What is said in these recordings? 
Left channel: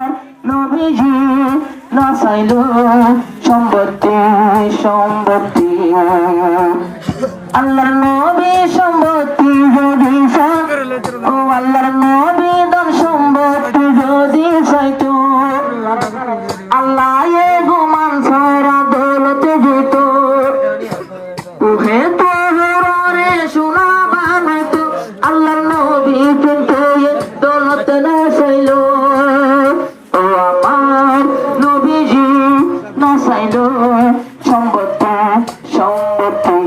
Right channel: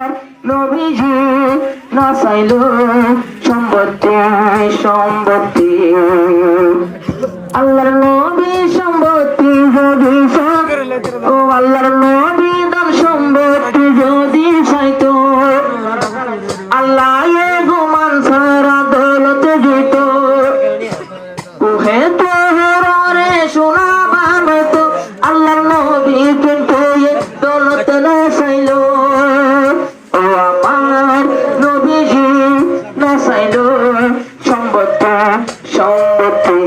নবীজি না চাইল সম্পত্তি সম্পত্তি আল্লাহর নবী সম্পত্তি যদি ও আল্লাহর নবী দান সম্পত্তি যদি চাইতো আল্লাহ এ গুমান সারা দৌলত দিত উহে তো হরে শোনা বানত আল্লাহর নবী কিন্তু দৌলত না চাইল ও আমার নবীজি না চাইল সম্পত্তি সম্পত্তি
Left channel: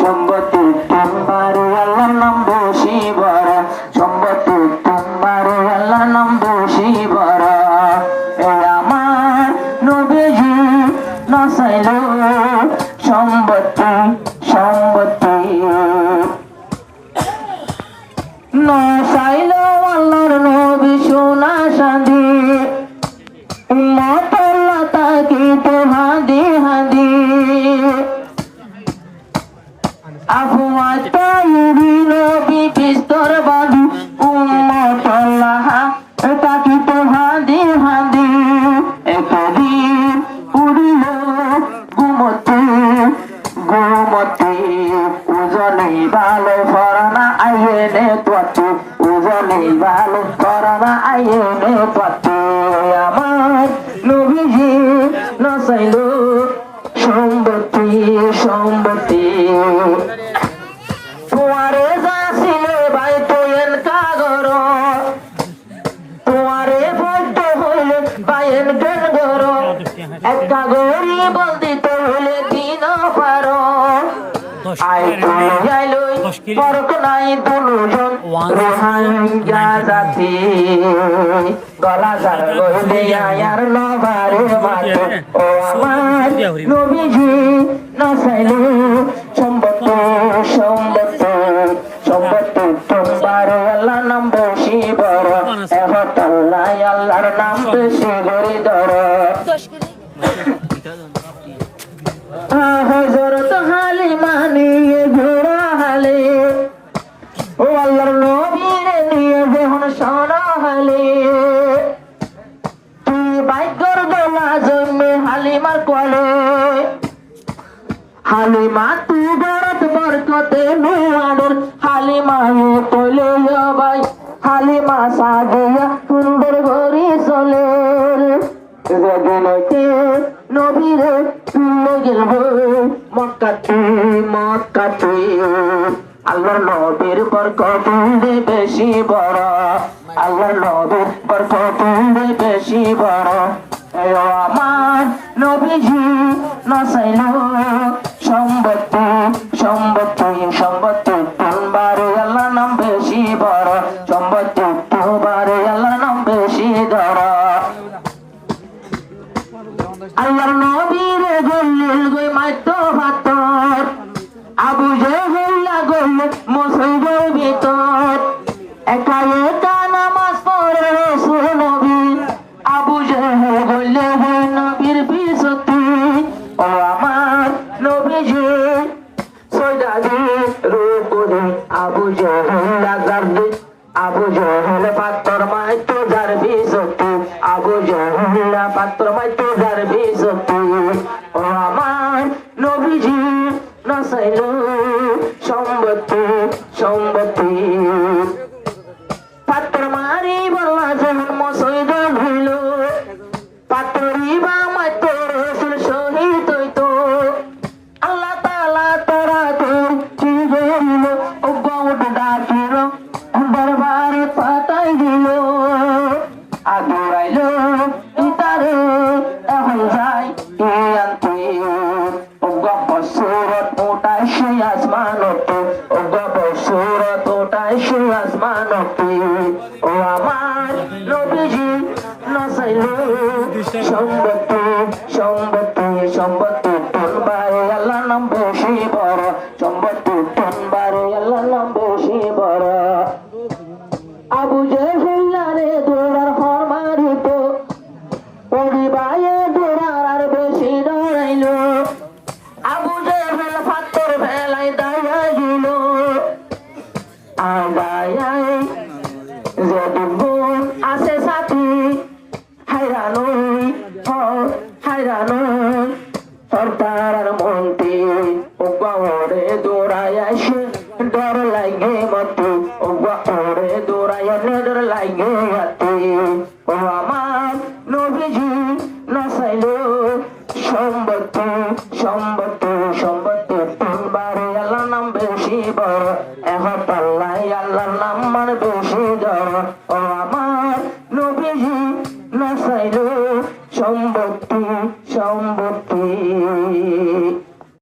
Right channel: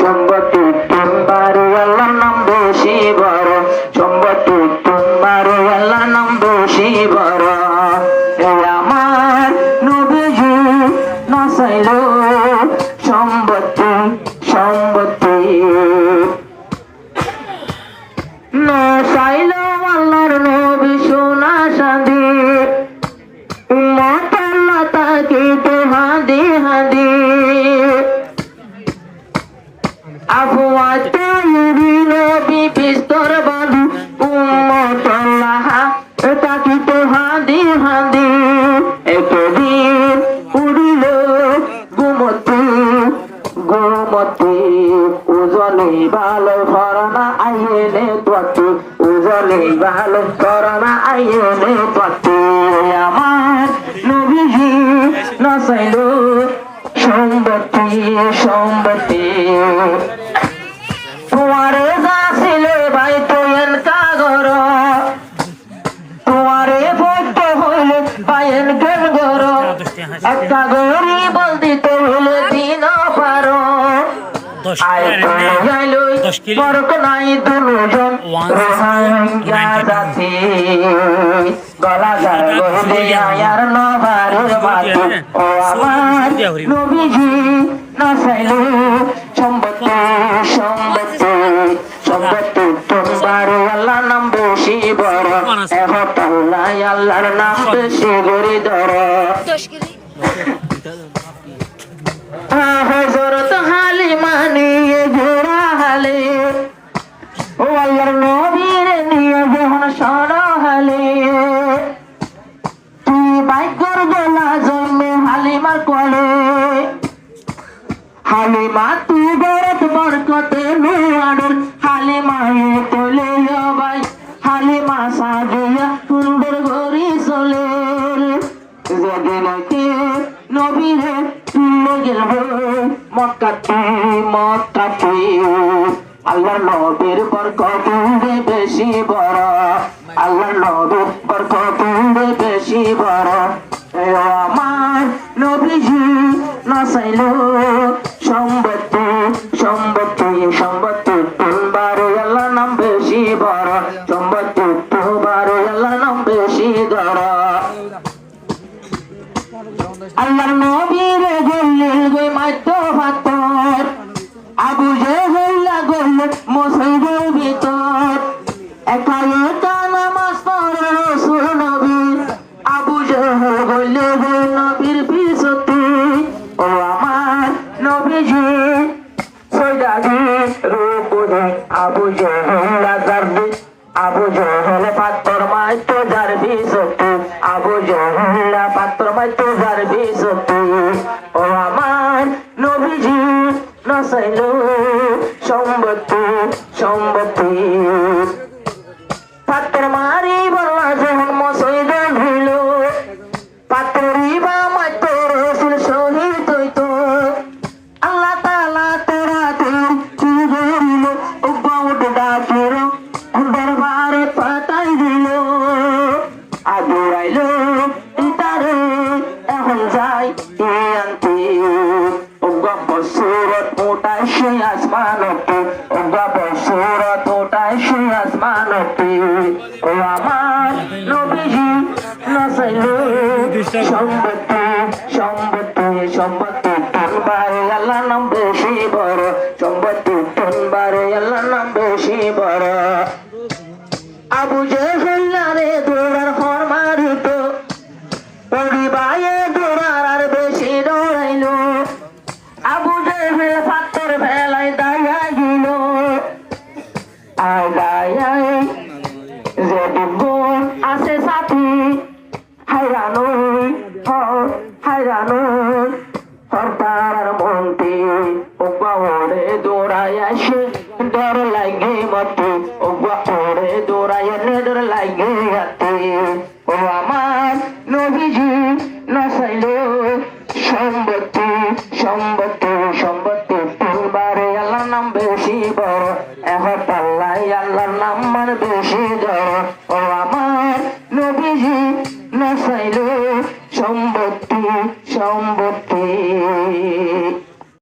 সম্পত্তি তোমার আল্লাহর নাম বেশি বড় সম্পত্তি তোমার আল্লাহর নাম বেশি বড় আমার নবীজি না চাইল সম্পত্তি সম্পত্তি না চাইল আল্লাহর নবী সোনা শান্তি উম্মত আল্লাহ তাকে তো হাদি হাদি আফওয়াত ইউরি নবী বিস্তর বালু উম্মত আল্লাহ তাকে তো হাদি হাদি একদিন উড়িল ঘুমতে ঘুমতে ওজনে ভালো ফরনা আইনে তোতে ওজনে ভালো করনা আইনে তোতে আমার নবীজি না চাইল সম্পত্তি সম্পত্তি তোমারে যা ছিল ভাই তোয়েন কাগর তোমারে পড়তে হলে পায়েন গেল গর একটা গরি বলতে তো হলে দিন পারো বরক নাই দুজন যাচ্ছি গলা আর নবারের মাঝে ও আমার নবীজি না চাইলে সম্পত্তি সম্পত্তি সম্পত্তি তোমার আল্লাহ নাম বেশি বড় আল্লাহ আল্লাহর নাম বেশি ধর হযরত হালিমা নিয়ে ঘোরা হালে ও আল্লাহর নবীর নিয়ে যখন সরো হালে তুই ভাগ্যর বলা জন্ম হালিমার কোলে হালিমা তুই বরত বরকতে মেয়াদের হালিমা তোলে ভাই হালিমা সাজিয়া সুন্দর ঘরে চলে যেদিনকে নবীরে তুলে গেল মক্কাতে মক্কাতে আল্লাহর নবীর বরকত বেশি বড় আল্লাহর নবীর বরকত বেশি বড় আমার নবীজি না চাইল সম্পত্তি সম্পত্তি সম্পত্তি তোমার আল্লাহর নাম বেশি বড় সম্পত্তি তোমার আল্লাহর নাম বেশি বড় আল্লাহর নবীর গল্লিল গই মাইতো হাতর আবু জেহেল গল মসজিদের ভিতর একা একা নামাজ পড়ে রাসূল নবী আবু জেহেল গল নবীর পিছতে ও আমার নবীজি সৈদাদি রূপরে আবু জেহেল লাগাবে আবু জেহেল পাত্র মাইতো যার পিছতে আবু জেহেল পাত্র মাইতো যার পিছতে ও আমার নবীজি না চাইল সম্পত্তি সম্পত্তি পাত্র মারি বললা যখন মসজিদে ভিল পাত্রি বা মাইতো রাসূল শহীদ হইতো আল্লাহ তাআলা তোরা তোর কি বলিল ও বাউড ডাকিল দরবার পাঠাই দিল আগে আইল ইতারে এখন যাই আনতে সুরত ওটাই সে আসমানতে সুরত ওটাই সে আসমানতে ও আমার নবীজি না চাইল সম্পত্তি সম্পত্তি সম্পত্তি তোমার আল্লাহর নাম বেশি বড় সম্পত্তি তোমার আল্লাহর নাম বেশি বড় আবু জেহেল রে দৌড়ার হর মারিত পরিবায়ে দৌড়ার আর বেশি দৌড়াইল আবু জেহেল ফাতের ভেলায় দাঁড়িয়ে গেল আয় যেদিন বোন আছে সাথী রানো সরকার মন্ত্রী ওগা ওরে দৌড়ায় আসে ডর লাগে মতি ওগা ওরে দৌড়ায় ডর লাগে হাতে ও আমার নবীজি না চাইলে সম্পত্তি সম্পত্তি সম্পত্তি তিনবারে আল্লাহর নাম বেশি বড় এখন পাল্লাই আল্লাহর নাম মানে বেশি জড় ও আমার নবীজি না চাইলে সম্পত্তি